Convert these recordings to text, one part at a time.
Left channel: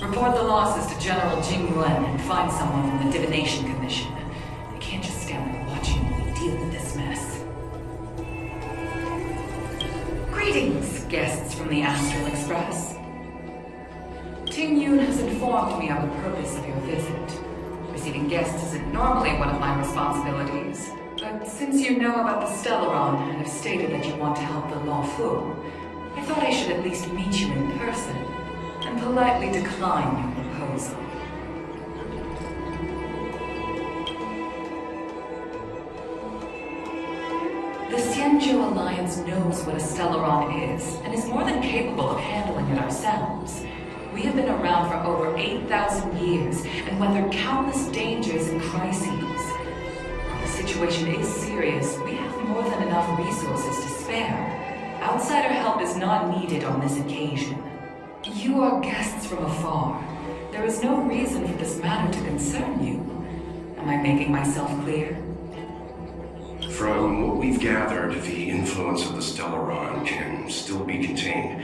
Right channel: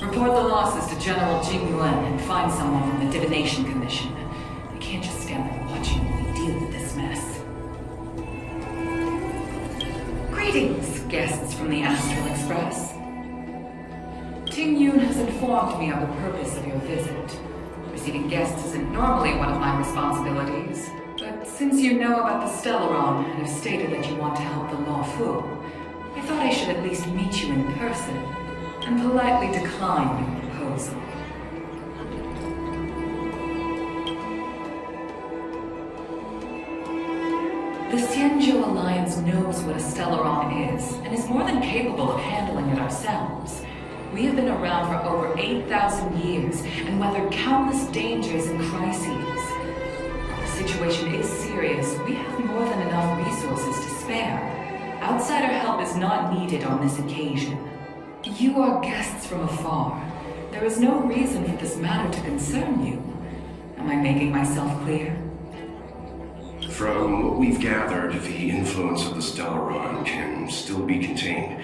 Report the losses to General Jing Yuan and find someone from the Divination Commission. I can't just stand there watching while we deal with this mess. Greetings, guests from the Astral Express. Ting Yun has informed me of the purpose of your visit. Receiving guests isn't normally one of my responsibilities, but since you know about the Stellaron and have stated that you want to help the Law Fu, I thought I should at least meet you in person and politely decline your proposal. The Xianzhou Alliance knows what a Stellaron is, and is more than capable of handling it ourselves. We have been around for over 8,000 years, and weathered countless dangers and crises. While the situation is serious, we have more than enough resources to spare. Outsider help is not needed on this occasion. You are guests from afar. There is no reason for this matter to concern you. Am I making myself clear? From what we've gathered, the influence of the Stellaron can still be contained.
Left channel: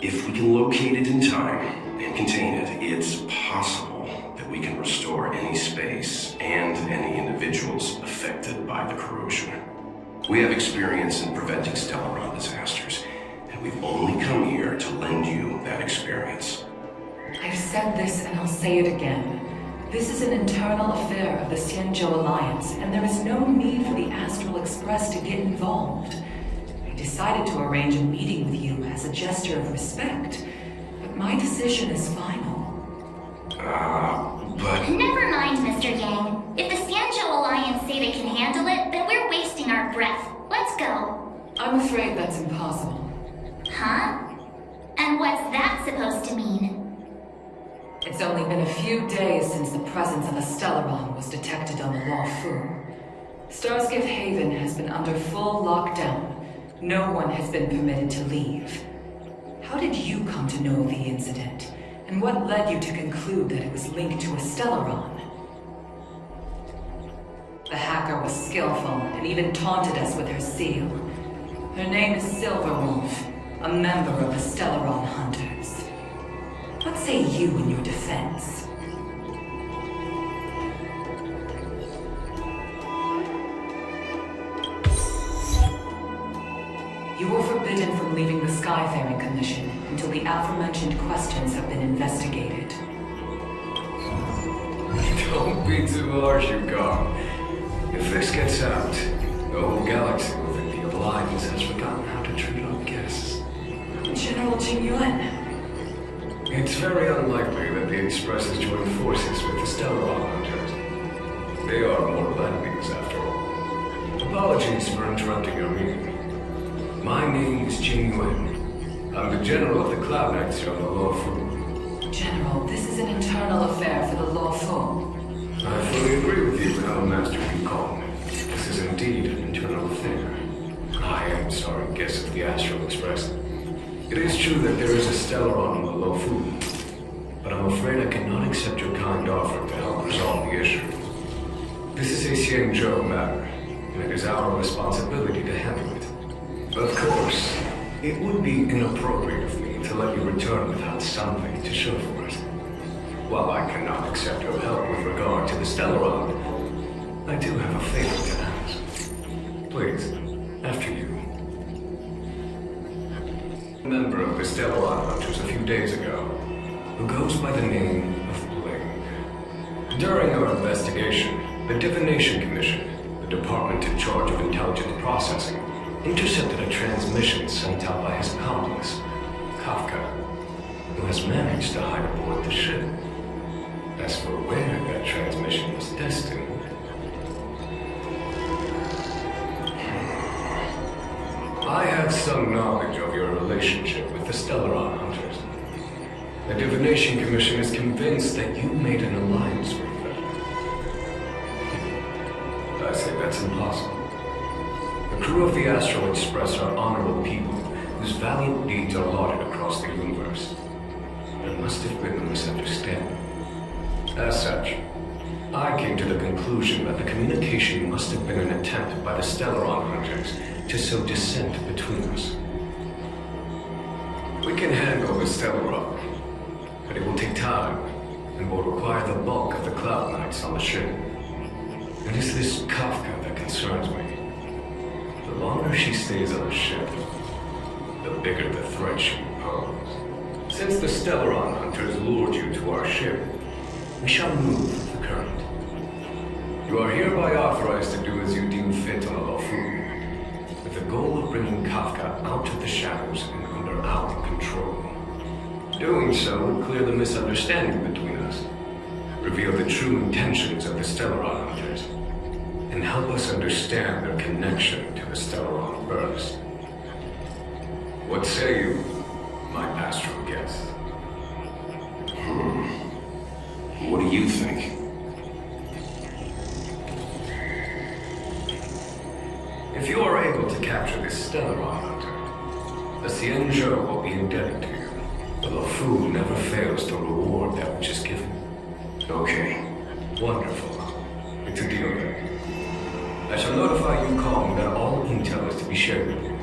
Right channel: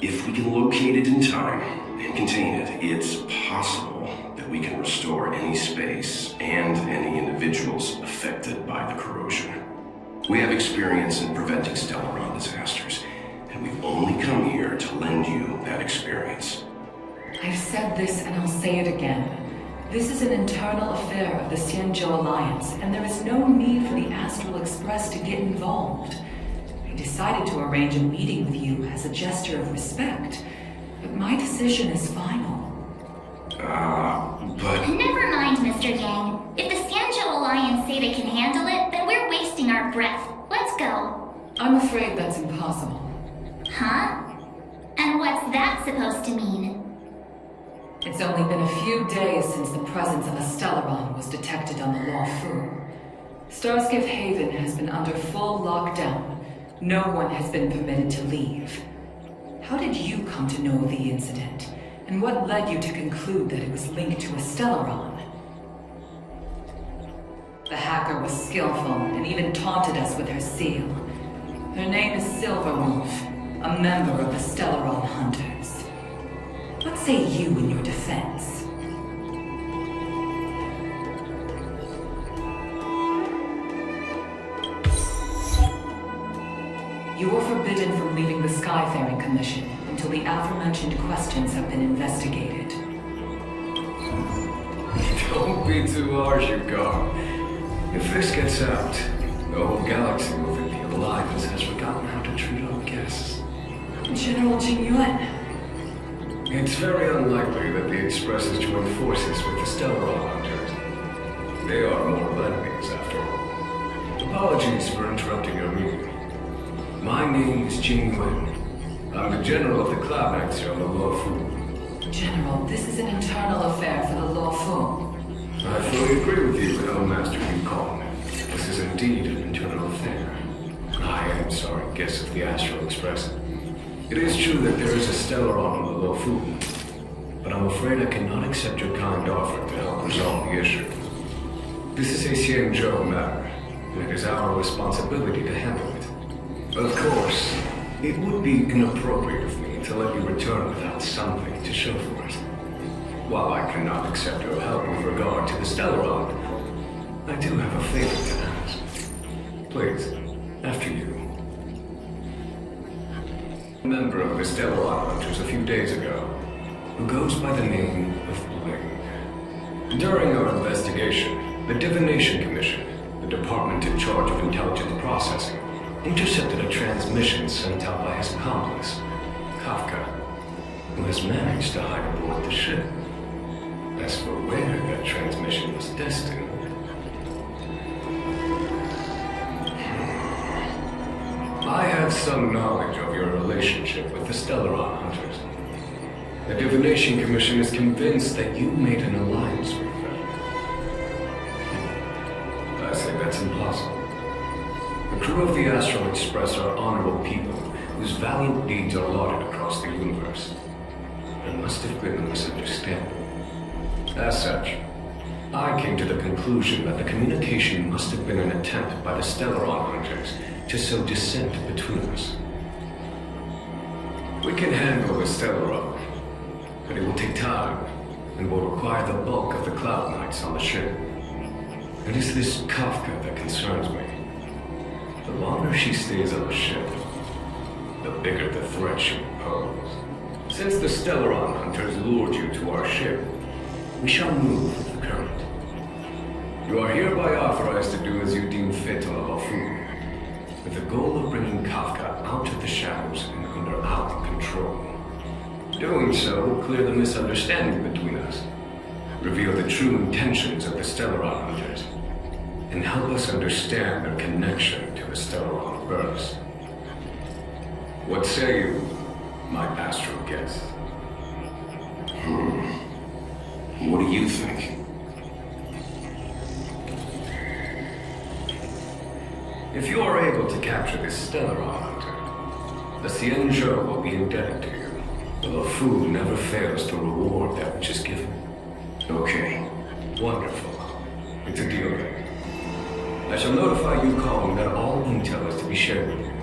If we can locate it in time and contain it, it's possible that we can restore any space and any individuals affected by the corrosion. We have experience in preventing Stellaron disasters, and we've only come here to lend you that experience. I've said this and I'll say it again. This is an internal affair of the Xianzhou Alliance, and there is no need for the Astral Express to get involved. I decided to arrange a meeting with you as a gesture of respect, but my decision is final. But... Never mind, Mr. Yang. If the Xianzhou Alliance say they can handle it, then we're wasting our breath. Let's go. I'm afraid that's impossible. Huh? And what's that supposed to mean? It's only been a few days since the presence of a Stellaron was detected on the Law Fu. Starskiff Haven has been under full lockdown. No one has been permitted to leave. How did you come to know of the incident? And what led you to conclude that it was linked to a Stellaron? The hacker was skillful and even taunted us with her seal. Her name is Silverwolf, a member of the Stellaron Hunters. What say you in your defense? You are forbidden from leaving the Skyfaring Commission until the aforementioned questions have been investigated. Don't be too harsh, Yukong. If this gets out, the whole galaxy will think the Alliance has forgotten how to treat our guests. General Jing Yuan. It's very unlikely that the Express has joined forces with the Stellaron Hunters. They are mortal enemies, after all. Apologies for interrupting your meeting. My name is Jing Yuan. I'm the General of the Cloud Knights here on the Law Fu. General, this is an internal affair for the Law Fu. I fully agree with you, Master Yukong. This is indeed an internal affair. I am sorry, guests of the Astral Express. It is true that there is a Stellaron on the Law Fu, but I'm afraid I cannot accept your kind offer to help resolve the issue. This is a Xianzhou matter, and it is our responsibility to handle it. Of course, it would be inappropriate of me to let you return without something to show for it. While I cannot accept your help with regard to the Stellaron, I do have a favor to ask. Please, after you. A member of the Stellaron Hunters a few days ago, who goes by the name of Bling. During our investigation, the Divination Commission, the department in charge of intelligence processing, intercepted a transmission sent out by his accomplice, Kafka, who has managed to hide aboard the ship. As for where that transmission was destined... I have some knowledge of your relationship with the Stellaron Hunters. The Divination Commission is convinced that you made an alliance with them. I say that's impossible. The crew of the Astral Express are honorable people whose valiant deeds are lauded across the universe. There must have been a misunderstanding. As such, I came to the conclusion that the communication must have been an attempt by the Stellaron Hunters to sow dissent between us. We can handle the Stellaron, but it will take time, and will require the bulk of the Cloud Knights on the ship. It is this Kafka that concerns me. The longer she stays on the ship, the bigger the threat she will pose. Since the Stellaron hunters lured you to our ship, we shall move with the current. You are hereby authorized to do as you deem fit on Alofu, with the goal of bringing Kafka out of the shadows and under our control. Doing so will clear the misunderstanding between us, reveal the true intentions of the Stellaron hunters, and help us understand their connection to the Stellaron burst. What say you, my astral guest? What do you think? If you are able to capture this Stellaron hunter, the Xianzhou will be indebted to you. The Luofu never fails to reward that which is given. Okay. Wonderful. It's a deal then. I shall notify Yukong that all intel is to be shared with you,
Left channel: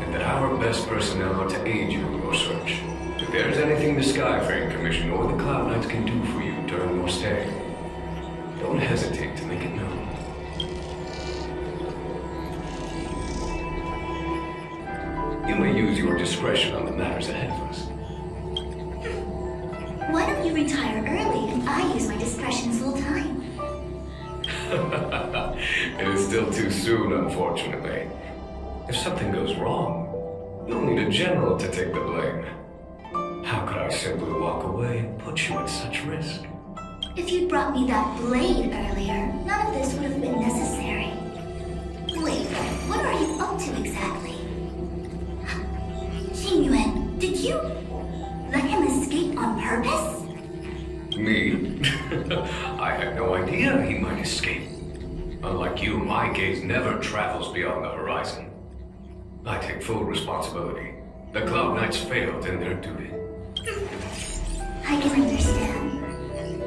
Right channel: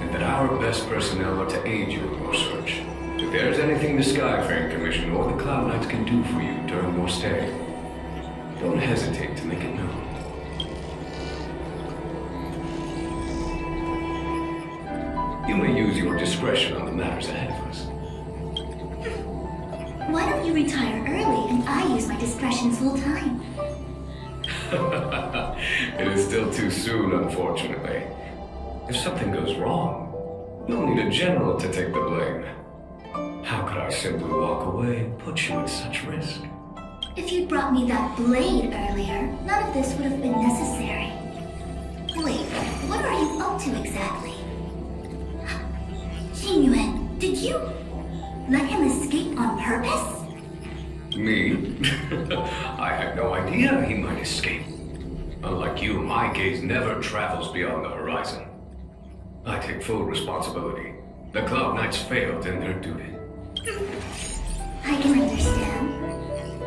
and that our best personnel are to aid you in your search. If there's anything the Skyfaring Commission or the Cloud Knights can do for you during your stay, don't hesitate to make it known. You may use your discretion on the matters ahead of us. Why don't you retire early and I use my discretion full time? It is still too soon, unfortunately. If something goes wrong, you'll need a general to take the blame. How could I simply walk away and put you at such risk? If you'd brought me that blade earlier, none of this would have been necessary. Wait, what are you up to exactly? Yuan, did you let him escape on purpose? Me? I had no idea he might escape. Unlike you, my gaze never travels beyond the horizon. I take full responsibility. The Cloud Knights failed in their duty. I can understand.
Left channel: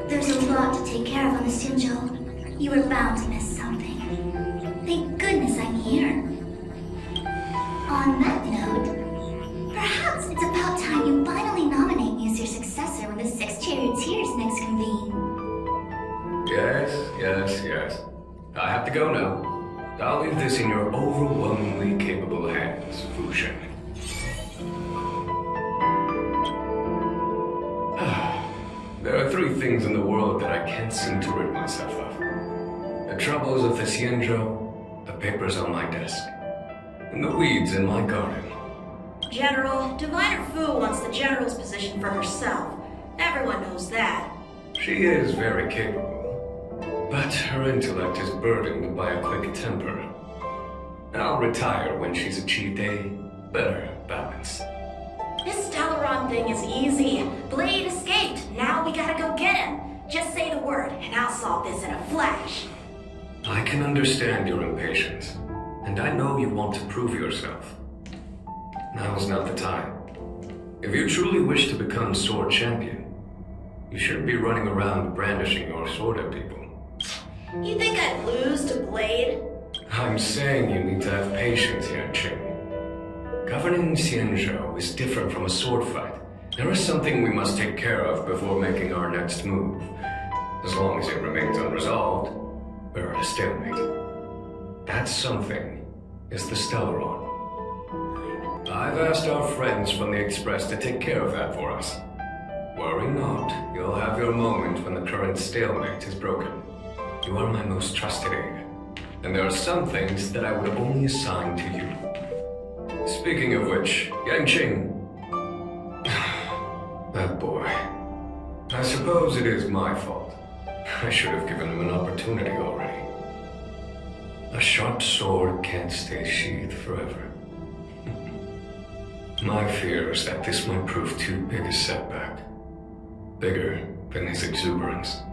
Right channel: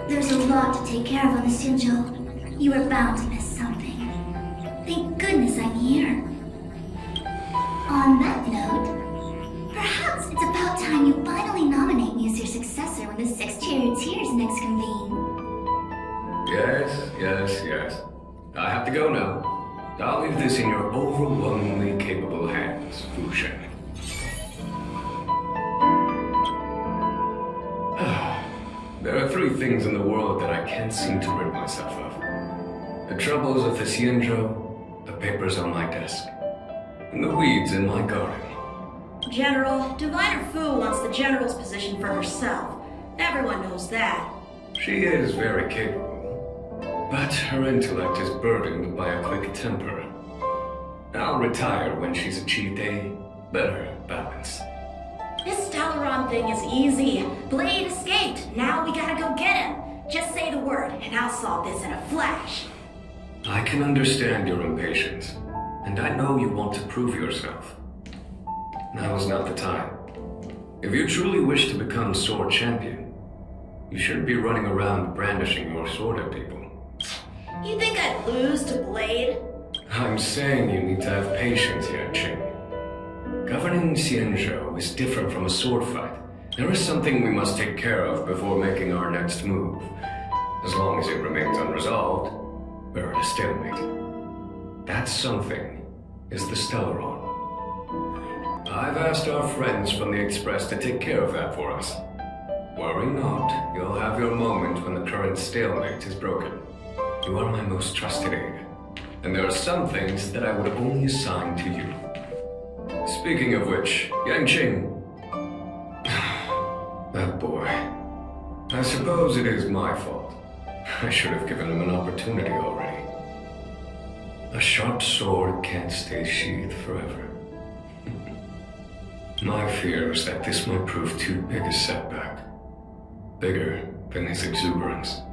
There's a lot to take care of on the Xianzhou. You are bound to miss something. Thank goodness I'm here. On that note, perhaps it's about time you finally nominate me as your successor when the Six Charioteers next convene. Yes. I have to go now. I'll leave this in your overwhelmingly capable hands, Fu Shen. There are three things in the world that I can't seem to rid myself of. The troubles of the Xianzhou, the papers on my desk, and the weeds in my garden. General, Diviner Fu wants the General's position for herself. Everyone knows that. She is very capable, but her intellect is burdened by a quick temper. I'll retire when she's achieved a better balance. This Stellaron thing is easy. Blade escaped. Now we gotta go get him. Just say the word, and I'll solve this in a flash. I can understand your impatience, and I know you want to prove yourself. Now is not the time. If you truly wish to become sword champion, you shouldn't be running around brandishing your sword at people. You think I'd lose to Blade? I'm saying you need to have patience, Jing. Governing Xianzhou is different from a sword fight. There is something we must take care of before making our next move. As long as it remains unresolved, we're at a stalemate. That something is the Stellaron. I've asked our friends from the Express to take care of that for us. Worry not, you'll have your moment when the current stalemate is broken. You are my most trusted aide, and there are some things that I would only assign to you. Speaking of which, Yangqing. That boy. I suppose it is my fault. I should have given him an opportunity already. A sharp sword can't stay sheathed forever. My fear is that this might prove too big a setback. Bigger than his exuberance.